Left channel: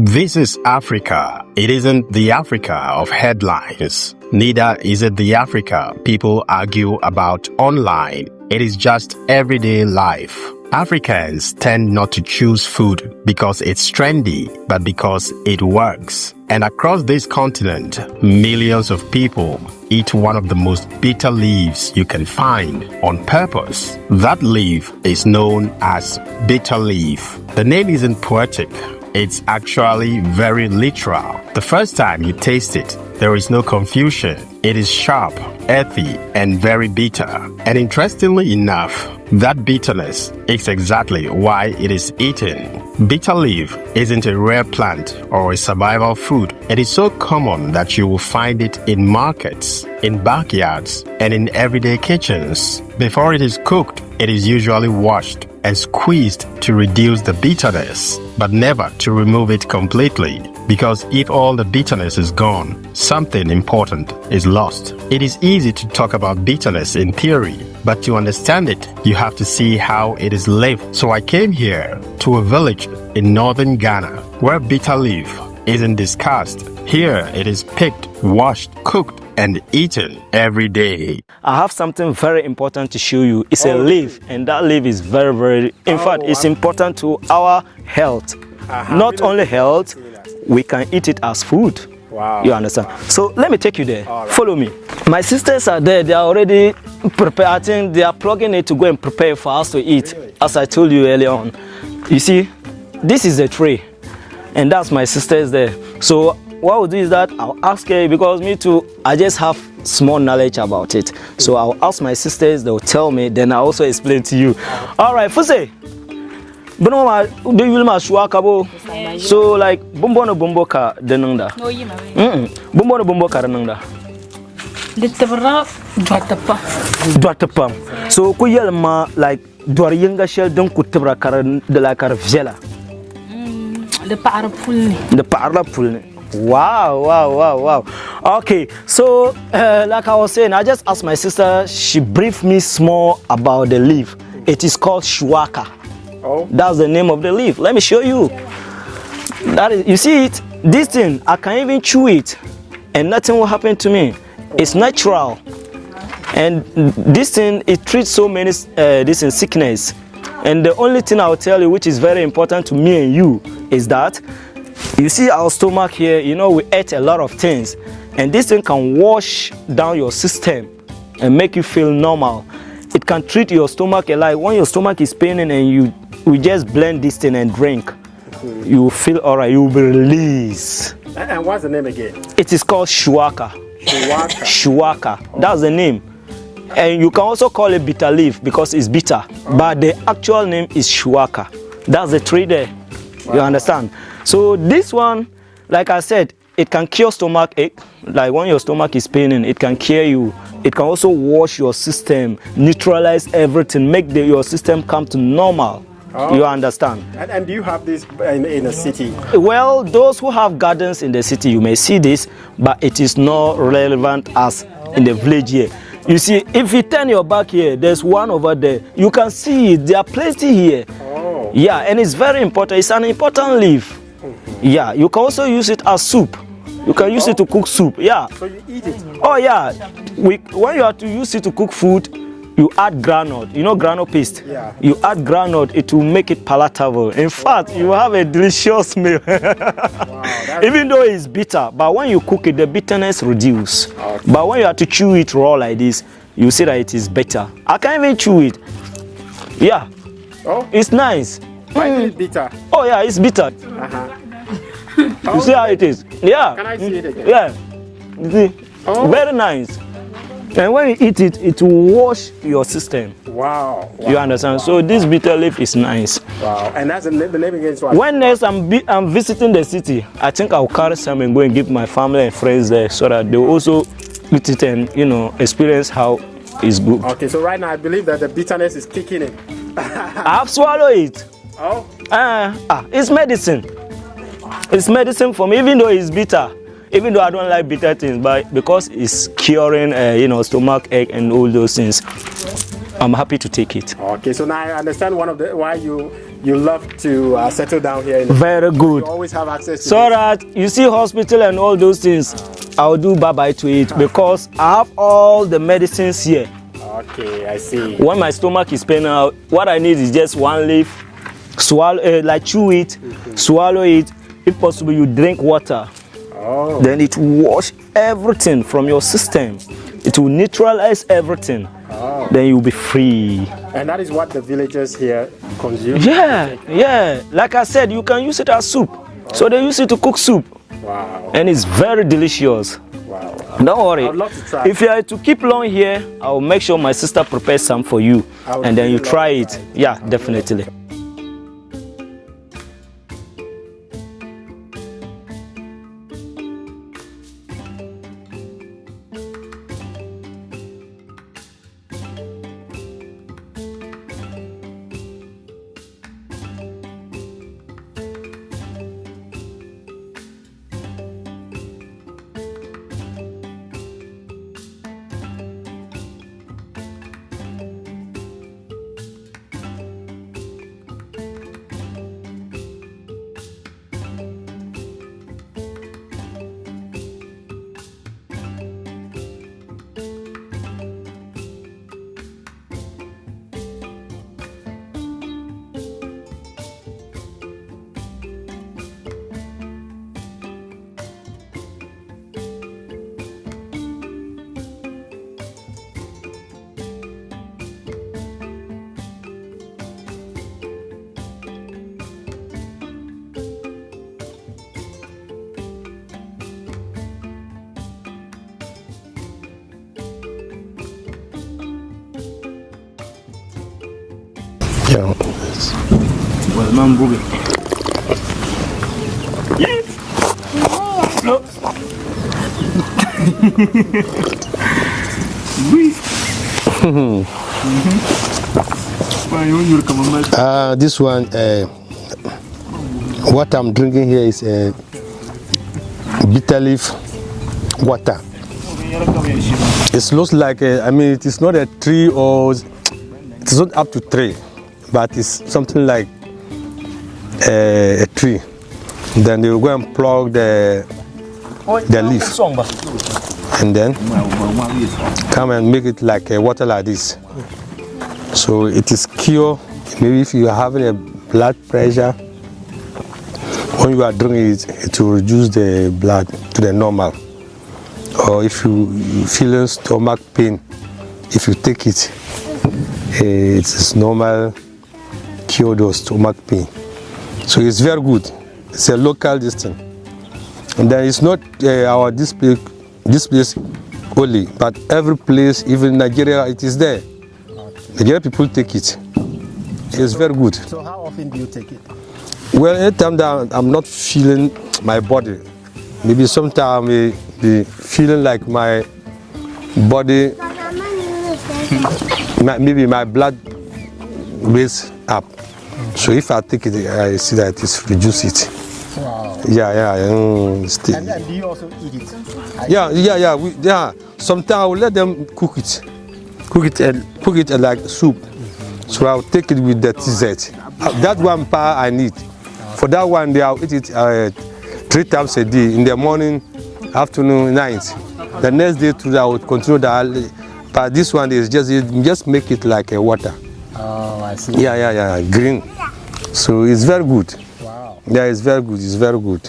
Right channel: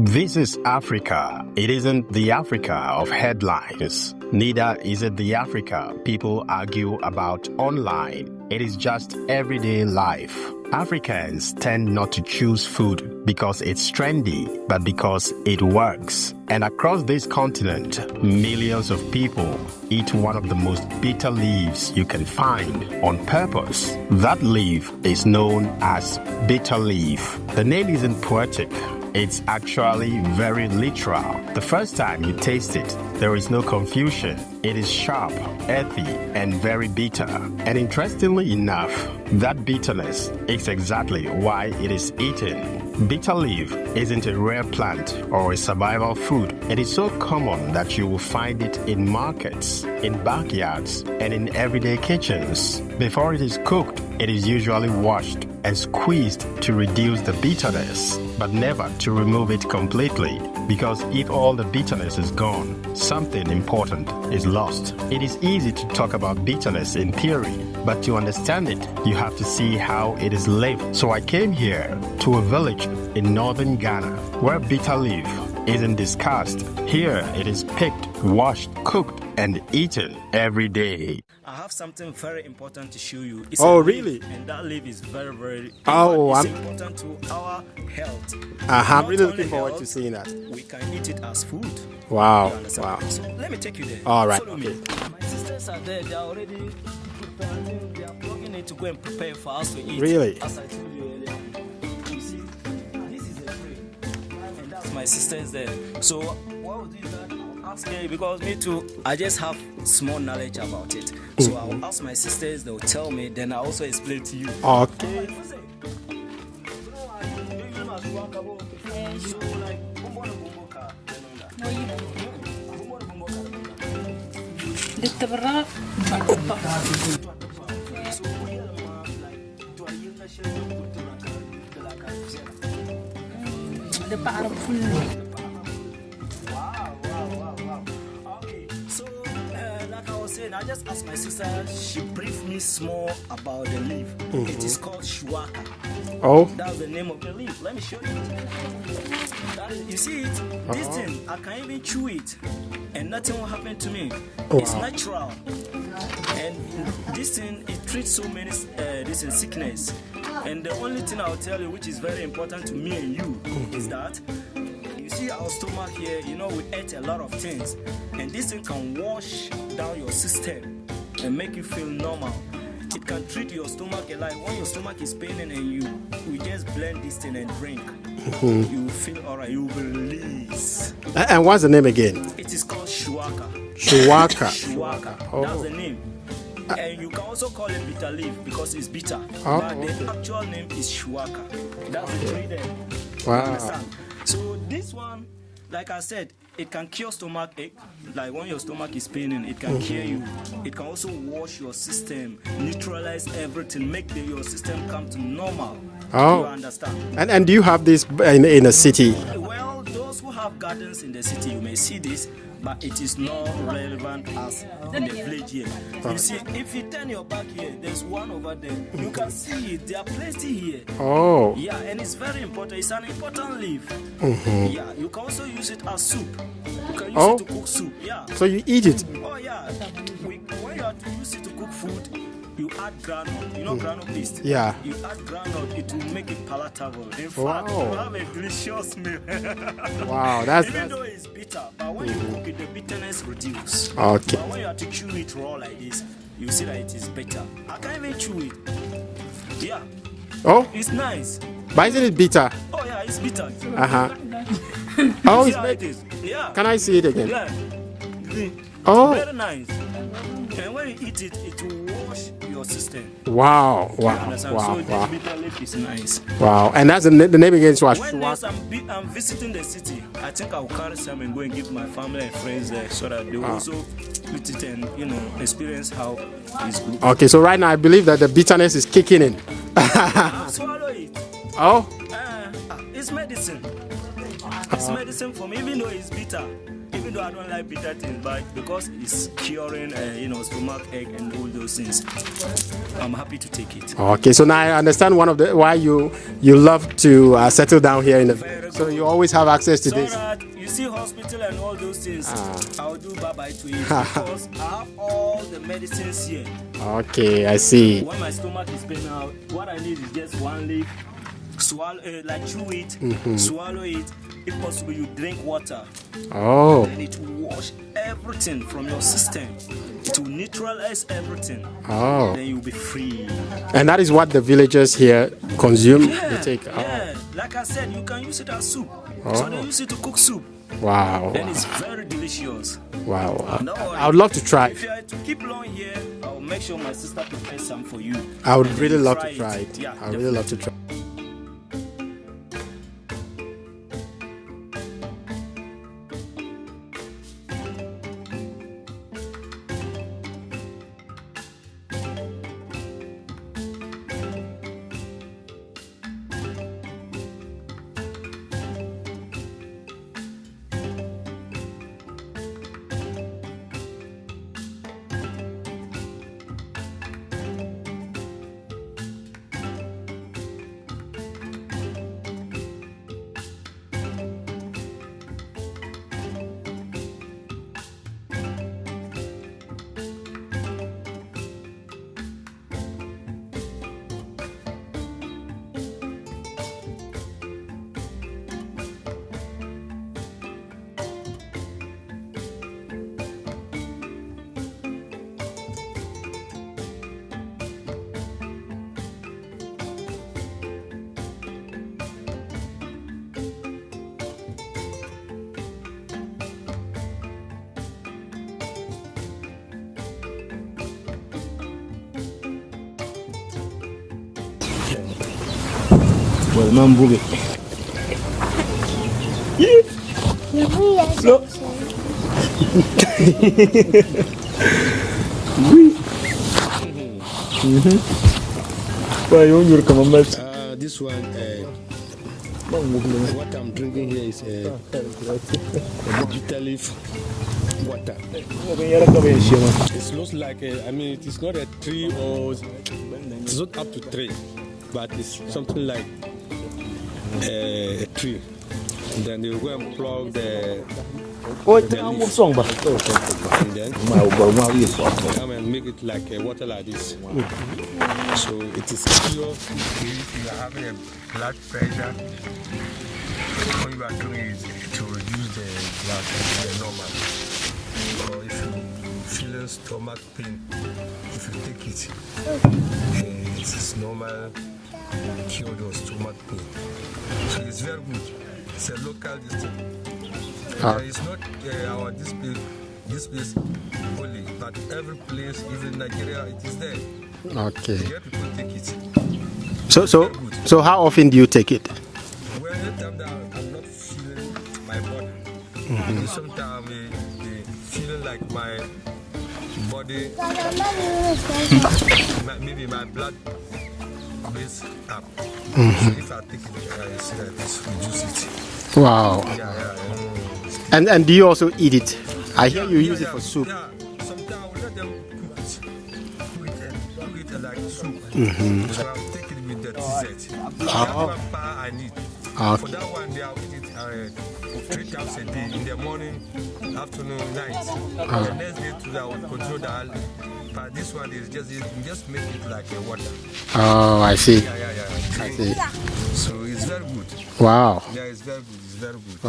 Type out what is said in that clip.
This is Africa. It isn't the Africa of headlines. Neither is it the Africa people argue about online. It is just everyday life. Africans tend not to choose food because it's trendy, but because it works. And across this continent, millions of people eat one of the most bitter leaves you can find on purpose. That leaf is known as bitter leaf. The name isn't poetic. It's actually very literal. The first time you taste it, there is no confusion. It is sharp, earthy, and very bitter. And interestingly enough, that bitterness is exactly why it is eaten. Bitter leaf isn't a rare plant or a survival food. It is so common that you will find it in markets, in backyards, and in everyday kitchens. Before it is cooked, it is usually washed and squeezed to reduce the bitterness, but never to remove it completely. Because if all the bitterness is gone, something important is lost. It is easy to talk about bitterness in theory, but to understand it, you have to see how it is lived. So I came here to a village in northern Ghana where bitter leaf isn't discussed. Here it is picked, washed, cooked, and eaten every day. I have something very important to show you. It's a leaf, and that leaf is very, in fact, it's important to our health. Not only health, we can eat it as food. Wow. You understand? Wow. So let me take you there. Right. Follow me. My sisters are there. They are already prepared. I think they are plugging it to go and prepare for us to eat. Really? As I told you earlier on. You see, this is a tray, and that's my sisters there. So what we'll do is that I'll ask her, because me too, I just have small knowledge about it. So I'll ask my sisters, they'll tell me, then I'll also explain to you. Okay. All right, Fuse. So like bumbo no bumbo ka denunda. Bumbo no bumbo ka denunda. Dwatapa. So ku yelma like dwar yinga shel don ku tibra kar de la kar vjela. The parla pulni. Wow. Okay, so like I was saying, I just asked my sister, she briefed me small about the leaf. It is called shuwaka. Oh. That's the name of the leaf. Let me show you. That is, you see it? This thing, I can even chew it and nothing will happen to me. It's natural. And this thing, it treats so many this in sickness. And the only thing I'll tell you, which is very important to me and you, is that you see our stomach here, you know, we ate a lot of things. And this thing can wash down your system and make you feel normal. It can treat your stomach like when your stomach is paining and we just blend this thing and drink. You will feel all right, you will be released. And what's the name again? It is called shuwaka. Shuwaka. Shuwaka, that's the name. And you can also call it bitter leaf because it's bitter. But the actual name is shuwaka. That's the tree there. Wow. You understand? So this one, like I said, it can cure stomach ache. Like when your stomach is paining, it can cure you. It can also wash your system, neutralize everything, make your system come to normal. Oh. You understand? And do you have this in a city? Well, those who have gardens in the city, you may see this, but it is not relevant as in the village here. You see, if you turn your back here, there's one over there. You can see it. There are plenty here. Oh. Yeah, and it's very important. It's an important leaf. Yeah, you can also use it as soup. You can use it to cook soup. Yeah. So you eat it? Oh yeah. When you have to use it to cook food, you add granite. You know granite paste? Yeah. You add granite, it will make it palatable. In fact, you have a delicious meal. Wow, even though it's bitter, but when you cook it, the bitterness reduces. Okay. But when you have to chew it raw like this, you see that it is better. I can't even chew it. Yeah. Oh. It's nice. Why is it bitter? Oh yeah, it's bitter. You see how it is? Yeah. Can I see it again? Yeah. Very nice. And when you eat it, it will wash your system. Wow. You understand? So this bitter leaf is nice. Wow. And that's the name again? When next I'm visiting the city, I think I'll carry some and go and give my family and friends there so that they will also eat it and, you know, experience how it's good. Okay, so right now I believe that the bitterness is kicking in. I've swallowed it. Oh? It's medicine. It's medicine for me, even though it's bitter. Even though I don't like bitter things, but because it's curing, stomach ache and all those things. I'm happy to take it. Okay, so now I understand one of the why you love to settle down here in the Very so good. you always have access to So this. that you see hospital and all those things, I'll do bye-bye to it because I have all the medicines here. Okay, I see. When my stomach is paining out, what I need is just one leaf, swallow, like chew it, swallow it. If possible, you drink water. Oh. Then it will wash everything from your system. It will neutralize everything. Oh. Then you'll be free. And that is what the villagers here consume? Yeah, They take. yeah. Like I said, you can use it as soup. So they use it to cook soup. Wow. And it's very delicious. Wow. Don't worry. I would love to try. If you are to keep long here, I'll make sure my sister prepares some for you. I would And then really you love try to it. try it. Yeah, I would really love to definitely. try. Yeah. Well, man, boogie. No. This one, what I'm drinking here is bitter leaf water. It looks like, it is not a tree or it's not up to tree, but it's something like a tree. Then they will go and plug the leaf and then come and make it like a water like this. So it is cure. Maybe if you are having a blood pressure, when you are drinking it, it will reduce the blood to the normal. Or if you feel stomach pain, if you take it, it is normal cure those stomach pain. So it's very good. It's a local distance. And then it's not our this place only, but every place, even Nigeria, it is there. Okay. Nigerian people take it. So it's very good. So how often do you take it? Well, anytime that I'm not feeling my body, maybe sometimes I may be feeling like my body, maybe my blood raise up. So if I take it, I see that it's reduce it. Wow. Yeah. And do you also eat it? Yeah. Sometimes I will let them cook it. Cook it like soup. So I'll take it with the TZ. That one part I need. For that one, I'll eat it 3 times a day. In the morning, afternoon, night. The next day too, I would control that. But this one is just make it like a water. Oh, I see. Yeah. Green. So it's very good. Wow. Yeah, it's very good. It's very good.